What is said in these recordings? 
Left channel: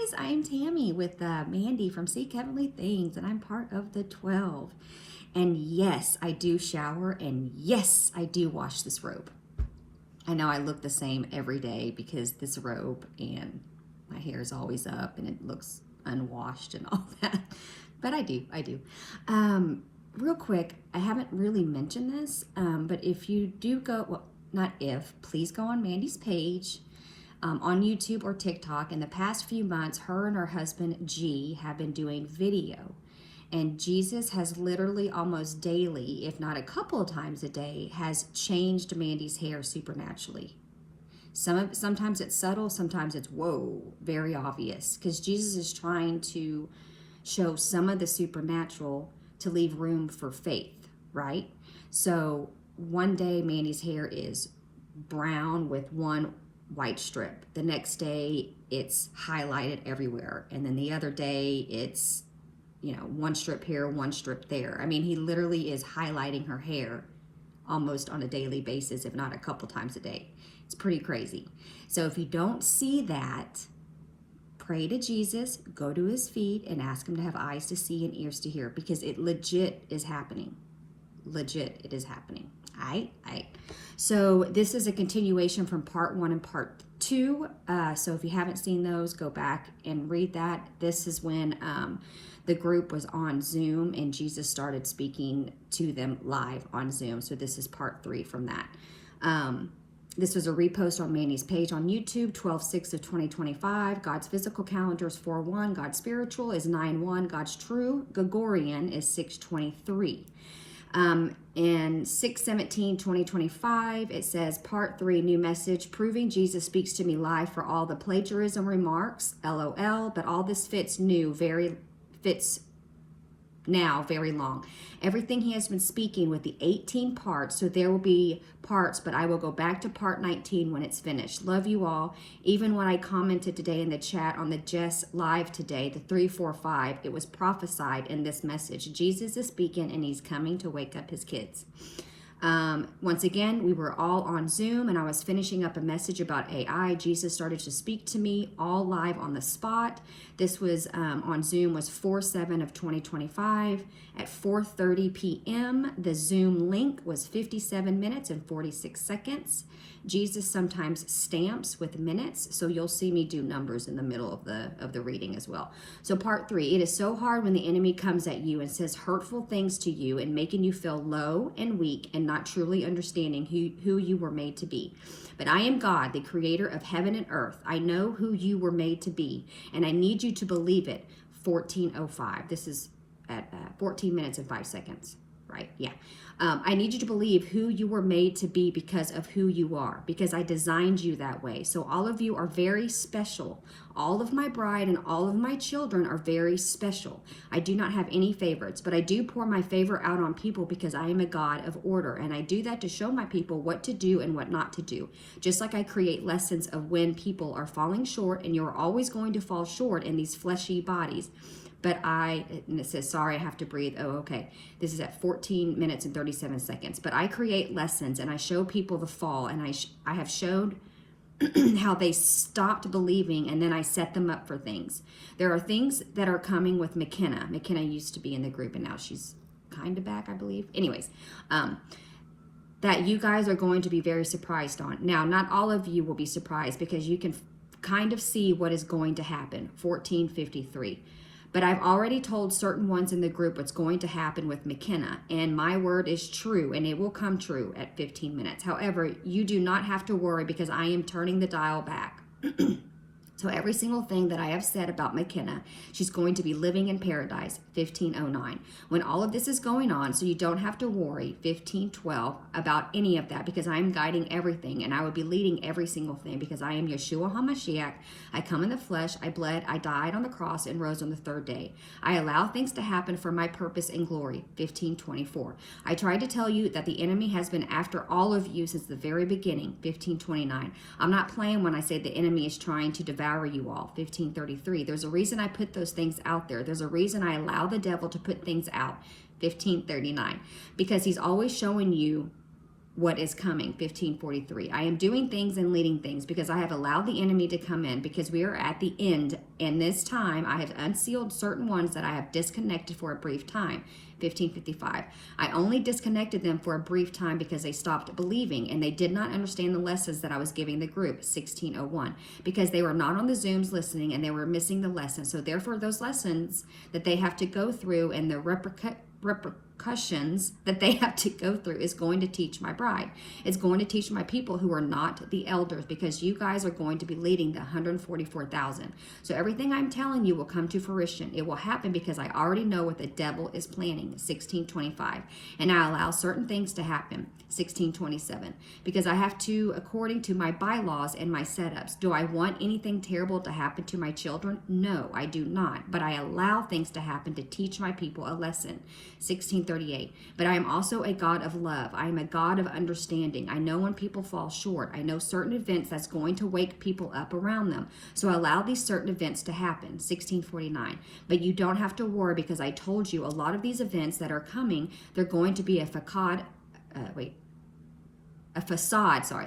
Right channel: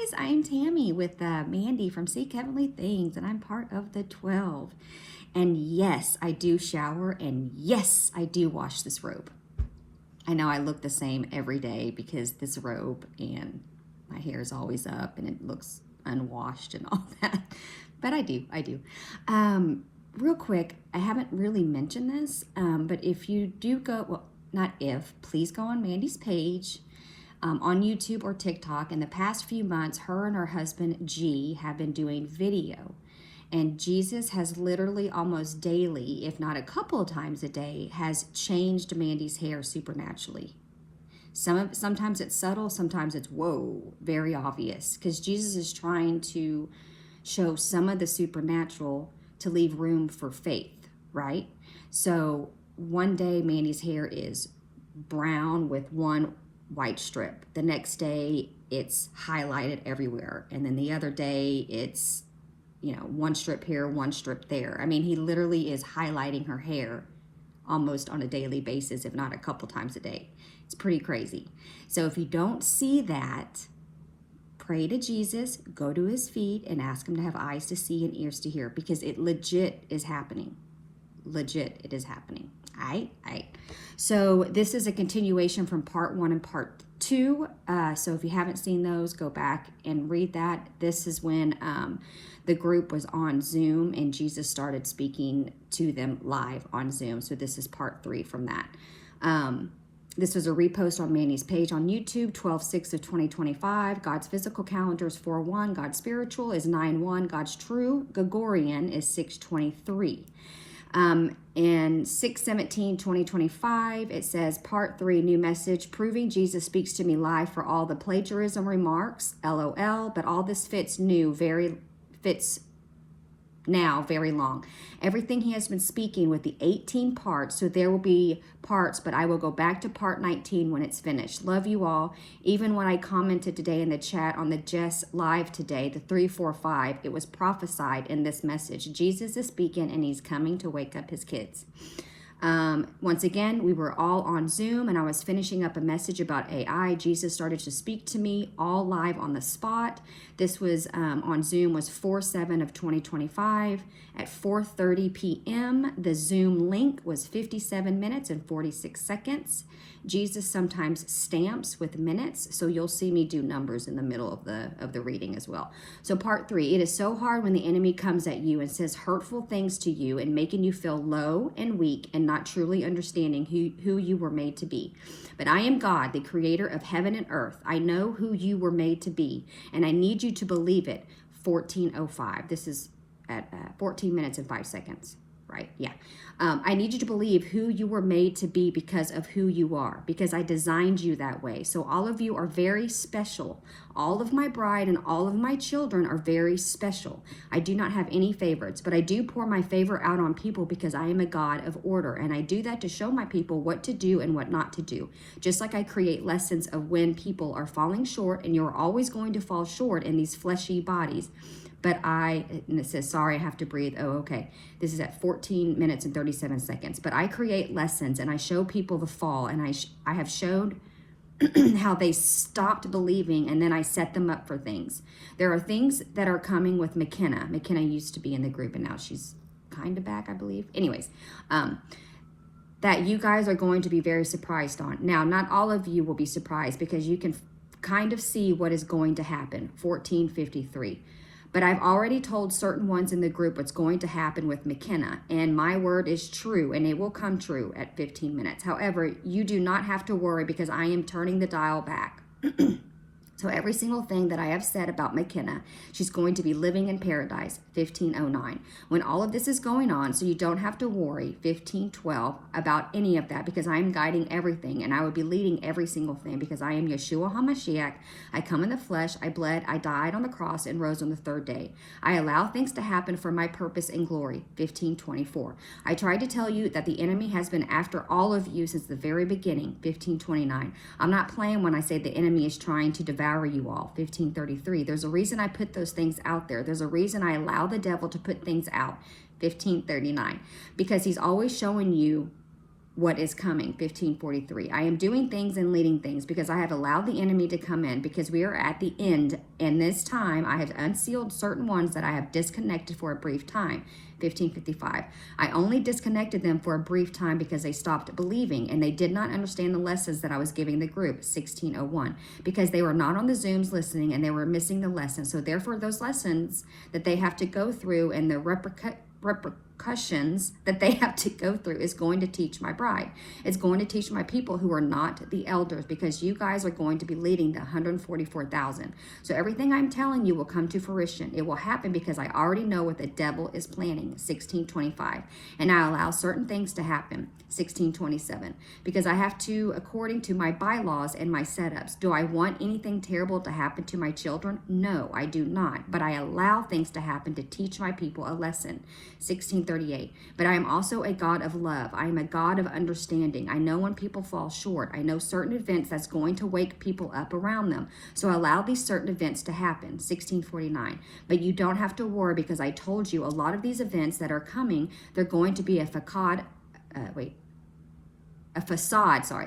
guys, I'm Tammy with Mandy from Seek Heavenly Things, and I'm part of the 12. And yes, I do shower, and yes, I do wash this robe. I know I look the same every day because this robe and my hair is always up and it looks unwashed and all that. But I do. Real quick, I haven't really mentioned this, but if you do go, well, not if, please go on Mandy's page. On YouTube or TikTok. In the past few months, her and her husband G have been doing video, and Jesus has literally almost daily, if not a couple of times a day, has changed Mandy's hair supernaturally. Sometimes it's subtle, sometimes it's whoa, very obvious, because Jesus is trying to show some of the supernatural to leave room for faith, right? So one day Mandy's hair is brown with one white strip. The next day it's highlighted everywhere. And then the other day it's, one strip here, one strip there. I mean, he literally is highlighting her hair almost on a daily basis, if not a couple times a day. It's pretty crazy. So if you don't see that, pray to Jesus, go to his feet and ask him to have eyes to see and ears to hear, because it legit is happening. Legit, it is happening. All right. So this is a continuation from part 1 and part 2. So if you haven't seen those, go back and read that. This is when the group was on Zoom and Jesus started speaking to them live on Zoom. So this is part 3 from that. This was a repost on Mandy's page on YouTube, 12/6 of 2025. God's physical calendar is 4/1. God's spiritual is 9/1. God's true Gregorian is 6/23. In 6/17/2025, it says part 3, new message, proving Jesus speaks to me live for all the plagiarism remarks, LOL, but all this fits now very long. Everything he has been speaking with the 18 parts, so there will be parts, but I will go back to part 19 when it's finished. Love you all. Even when I commented today in the chat on the Jess live today, the 345, it was prophesied in this message. Jesus is speaking and he's coming to wake up his kids. Once again, we were all on Zoom and I was finishing up a message about AI. Jesus started to speak to me all live on the spot. This was on Zoom, was 4/7 of 2025 at 4:30 p.m. The Zoom link was 57 minutes and 46 seconds. Jesus sometimes stamps with minutes, so you'll see me do numbers in the middle of the reading as well. So part 3, it is so hard when the enemy comes at you and says hurtful things to you and making you feel low and weak and not truly understanding who you were made to be. But I am God, the creator of heaven and earth. I know who you were made to be, and I need you to believe it. 14:05. This is at 14 minutes and 5 seconds, right? Yeah. I need you to believe who you were made to be because of who you are, because I designed you that way. So all of you are very special. All of my bride and all of my children are very special. I do not have any favorites, but I do pour my favor out on people because I am a God of order. And I do that to show my people what to do and what not to do. Just like I create lessons of when people are falling short, and you're always going to fall short in these fleshy bodies. And it says, sorry, I have to breathe. Oh, okay. This is at 14 minutes and 37 seconds. But I create lessons and I show people the fall, and I have showed how they stopped believing, and then I set them up for things. There are things that are coming with McKenna. McKenna used to be in the group and now she's kind of back, I believe. Anyways, that you guys are going to be very surprised on. Now, not all of you will be surprised because you can kind of see what is going to happen. 14:53. But I've already told certain ones in the group what's going to happen with McKenna, and my word is true, and it will come true at 15 minutes. However, you do not have to worry because I am turning the dial back. So every single thing that I have said about McKenna, she's going to be living in paradise, 1509. When all of this is going on, so you don't have to worry, 1512, about any of that, because I am guiding everything and I will be leading every single thing because I am Yeshua HaMashiach. I come in the flesh, I bled, I died on the cross and rose on the 3rd day. I allow things to happen for my purpose and glory, 1524. I tried to tell you that the enemy has been after all of you since the very beginning, 1529. I'm not playing when I say the enemy is trying to devour you all, 1533. There's a reason I put those things out there. There's a reason I allow the devil to put things out, 1539, because he's always showing you what is coming. 1543. I am doing things and leading things because I have allowed the enemy to come in, because we are at the end, and this time I have unsealed certain ones that I have disconnected for a brief time. 1555. I only disconnected them for a brief time because they stopped believing and they did not understand the lessons that I was giving the group. 1601. Because they were not on the Zooms listening and they were missing the lessons. So therefore those lessons that they have to go through and the repercussions that they have to go through is going to teach my bride. It's going to teach my people who are not the elders, because you guys are going to be leading the 144,000. So everything I'm telling you will come to fruition. It will happen because I already know what the devil is planning. 1625. And I allow certain things to happen. 1627. Because I have to, according to my bylaws and my setups. Do I want anything terrible to happen to my children? No, I do not. But I allow things to happen to teach my people a lesson. 1638. But I am also a God of love. I am a God of understanding. I know when people fall short. I know certain events that's going to wake people up around them. So I allow these certain events to happen. 1649. But you don't have to worry, because I told you a lot of these events that are coming, they're going to be a facade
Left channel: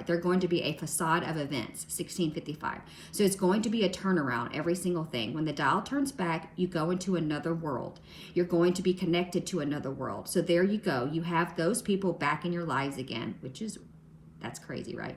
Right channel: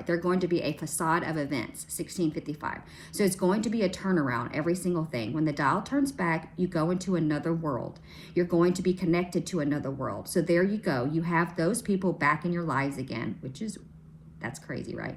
they're going to be a facade of events. 1655. So it's going to be a turnaround, every single thing. When the dial turns back, you go into another world. You're going to be connected to another world. So there you go. You have those people back in your lives again, that's crazy, right?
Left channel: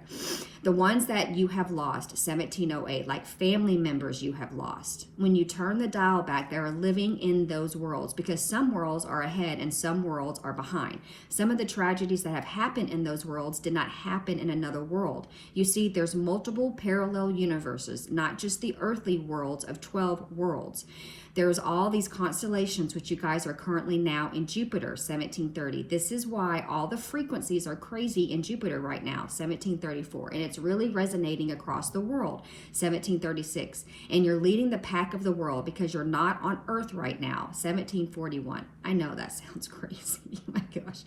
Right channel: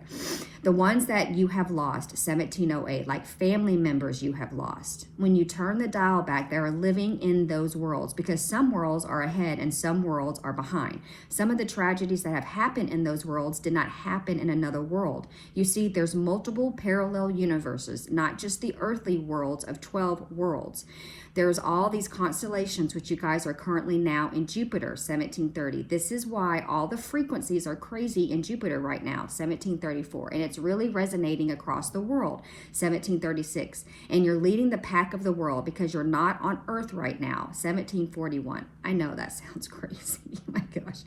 The ones that you have lost, 1708, like family members you have lost. When you turn the dial back, they're living in those worlds, because some worlds are ahead and some worlds are behind. Some of the tragedies that have happened in those worlds did not happen in another world. You see, there's multiple parallel universes, not just the earthly worlds of 12 worlds. There's all these constellations, which you guys are currently now in Jupiter, 1730. This is why all the frequencies are crazy in Jupiter right now, 1734. And it's really resonating across the world, 1736. And you're leading the pack of the world because you're not on Earth right now, 1741. I know that sounds crazy. My gosh.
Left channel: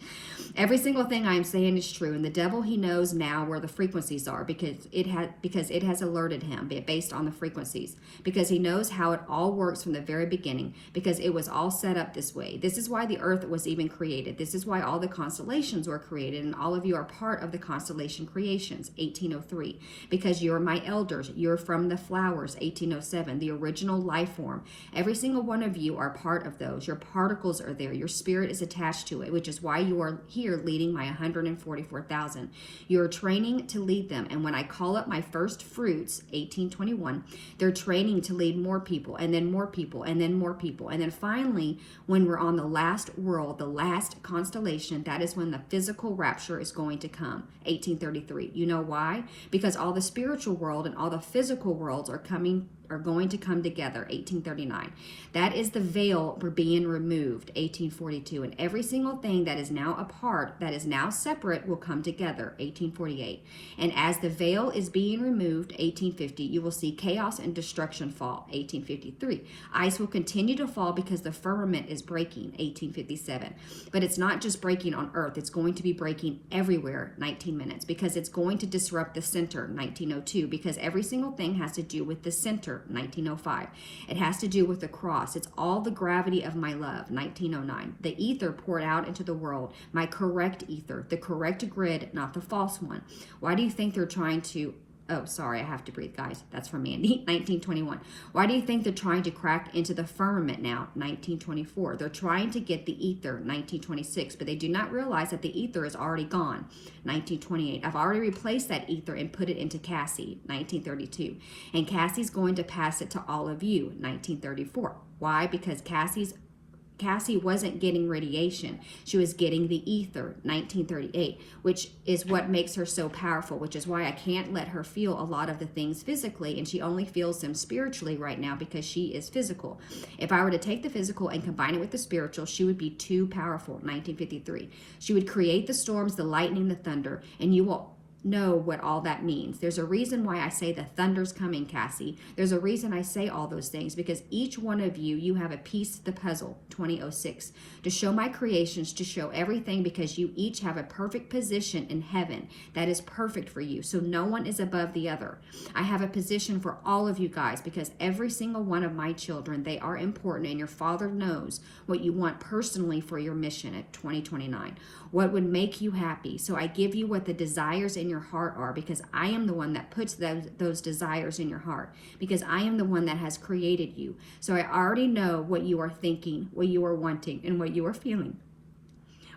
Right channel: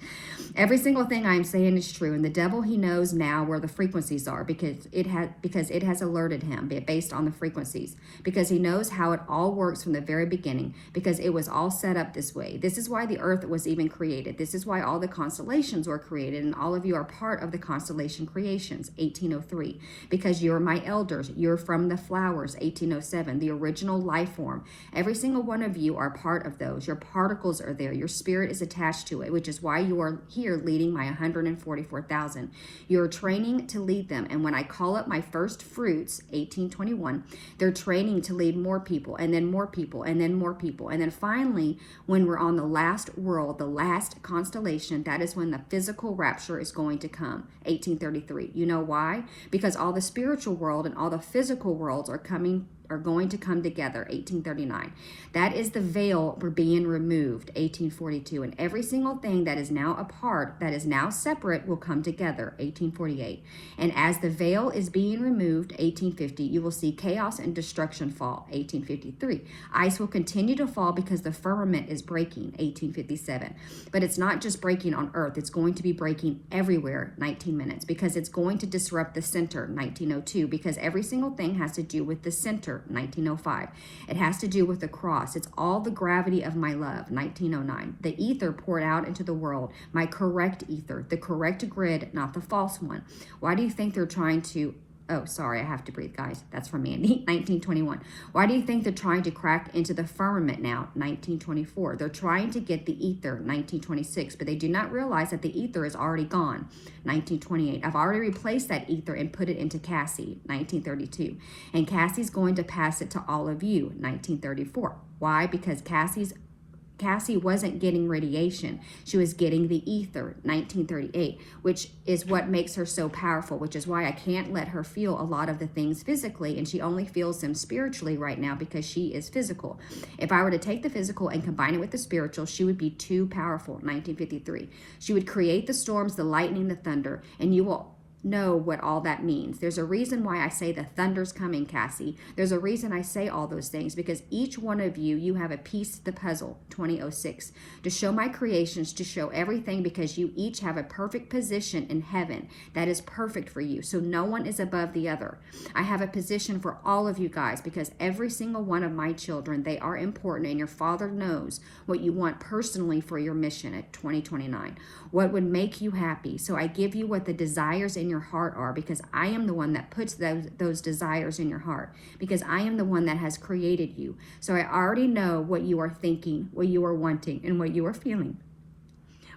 Every single thing I'm saying is true. And the devil, he knows now where the frequencies are, because it has alerted him based on the frequencies, because he knows how it all works from the very beginning, because it was all set up this way. This is why the earth was even created. This is why all the constellations were created, and all of you are part of the constellation creations. 1803. Because you're my elders. You're from the flowers. 1807. The original life form. Every single one of you are part of those. Your particles are there. Your spirit is attached to it, which is why you are here leading my 144,000. You're training to lead them. And when I call up my first fruits, 1821, they're training to lead more people, and then more people, and then more people. And then finally, when we're on the last world, the last constellation, that is when the physical rapture is going to come. 1833. You know why? Because all the spiritual world and all the physical worlds are going to come together. 1839. That is the veil for being removed. 1842. And every single thing that is now apart, that is now separate, will come together. 1848. And as the veil is being removed, 1850, you will see chaos and destruction fall. 1853. Ice will continue to fall because the firmament is breaking. 1857. But it's not just breaking on Earth. It's going to be breaking everywhere. 19 minutes. Because it's going to disrupt the center. 1902. Because every single thing has to do with the center. 1905. It has to do with the cross. It's all the gravity of my love. 1909. The ether poured out into the world. My correct ether. The correct grid, not the false one. Why do you think they're trying to... Oh, sorry, I have to breathe, guys. That's from Mandy. 1921. Why do you think they're trying to crack into the firmament now? 1924. They're trying to get the ether. 1926. But they do not realize that the ether is already gone. 1928. I've already replaced that ether and put it into Cassie. 1932. And Cassie's going to pass it to all of you. 1934. Why? Because Cassie wasn't getting radiation. She was getting the ether, 1938, which is what makes her so powerful, which is why I can't let her feel a lot of the things physically, and she only feels them spiritually right now because she is physical. If I were to take the physical and combine it with the spiritual, she would be too powerful, 1953. She would create the storms, the lightning, the thunder, and you will know what all that means. There's a reason why I say the thunder's coming, Cassie. There's a reason I say all those things, because each one of you have a piece to the puzzle. 2006. To show my creations, to show everything, because you each have a perfect position in heaven that is perfect for you. So no one is above the other. I have a position for all of you guys, because every single one of my children, they are important, and your Father knows what you want personally for your mission at 2029. what would make you happy. So I give you what the desires in your heart are, because I am the one that puts those desires in your heart, because I am the one that has created you. So I already know what you are thinking, what you are wanting, and what you are feeling.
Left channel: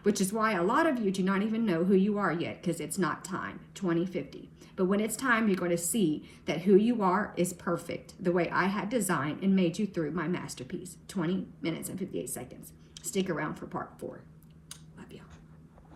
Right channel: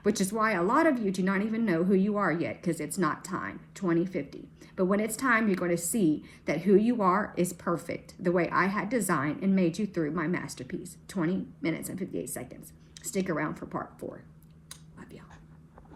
Which is why a lot of you do not even know who you are yet, because it's not time, 2050. But when it's time, you're going to see that who you are is perfect, the way I had designed and made you through my masterpiece, 20 minutes and 58 seconds. Stick around for part 4.